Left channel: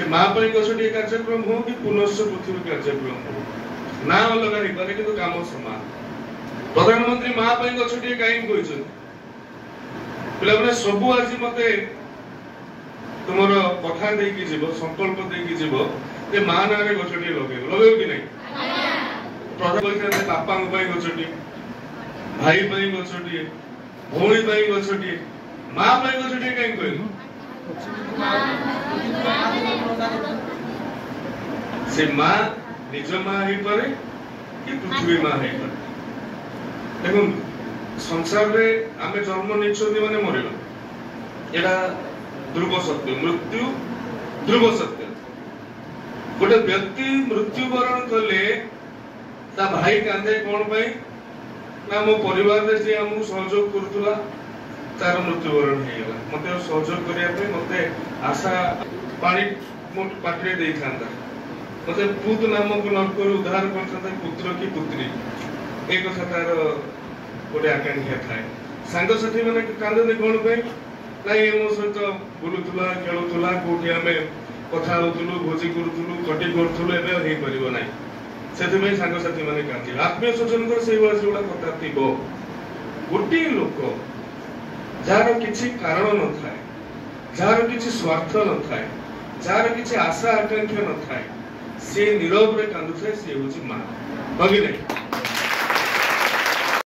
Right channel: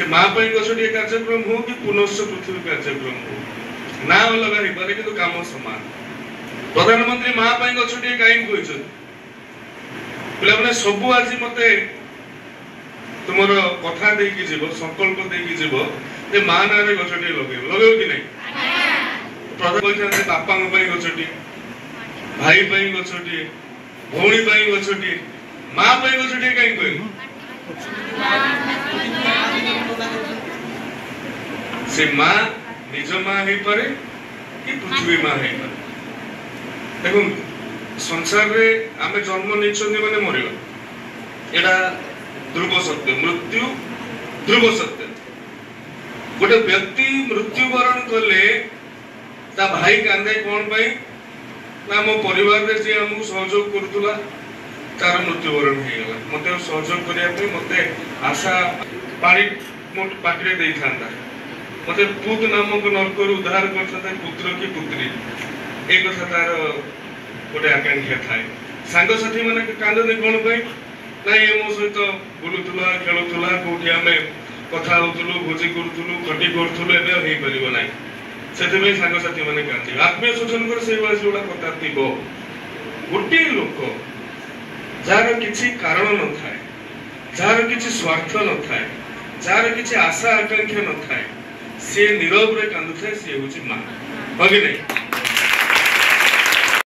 से माँ गछटी कार्यक्रम हो कि पुनश्च पृथ्वी कार्यक्रम हो ना अलग हो पारे कि काम समान प्रधानमंत्री माँ गछटी कहीं कही पे सब आज मत तुम कथा देकी जीव संकल्प देकी जीव जे माँ ना गछटी लगे कि नहीं प्रधान बापा गछटी भाई गछटी भौणी गछटी माँ गछटी कहीं कह से माँ निज माँ हो पारे कि पृथ्वी माँ हो पारे देखो संसार रे आमे जन्म नहीं माने मरियो एटा ध्रुव सत्य मृत्यु ध्रुव सत्य गोटे व्यक्ति मृत्युवरण कले ता भाई कांदे कौन पाई ना मो परिवार रे जे हमहु सहयोग करतुला तार मृत्युवरण हो गला मते सहयोग करिया पे मते आशा पानी मोट पाटरे देई थांदा मते पूत नामक नरकर उद्धार करथता पुत्र की पुत्री एक कथा तार गोटे आकांक्षा थाए सांग साथी माने कांदे कौन पाई ना ये मो सहित बुलुतुला खेलुतुला कोठी आमे कथा होतुलु भोजी करतुलु कटी करतुलु एबे होई परिबो नाही सेते सांग साथी माने कांदे आत्मीय स्वजन कर से वास जोडा कथा थिबो गोटे लोक जार किछि कारण न थाए जार किछि स्वार्थ न थाए जार किछि आशा आकांक्षा न थाए से नीरव रे कांदु थाए से होछि मां बगे नहीं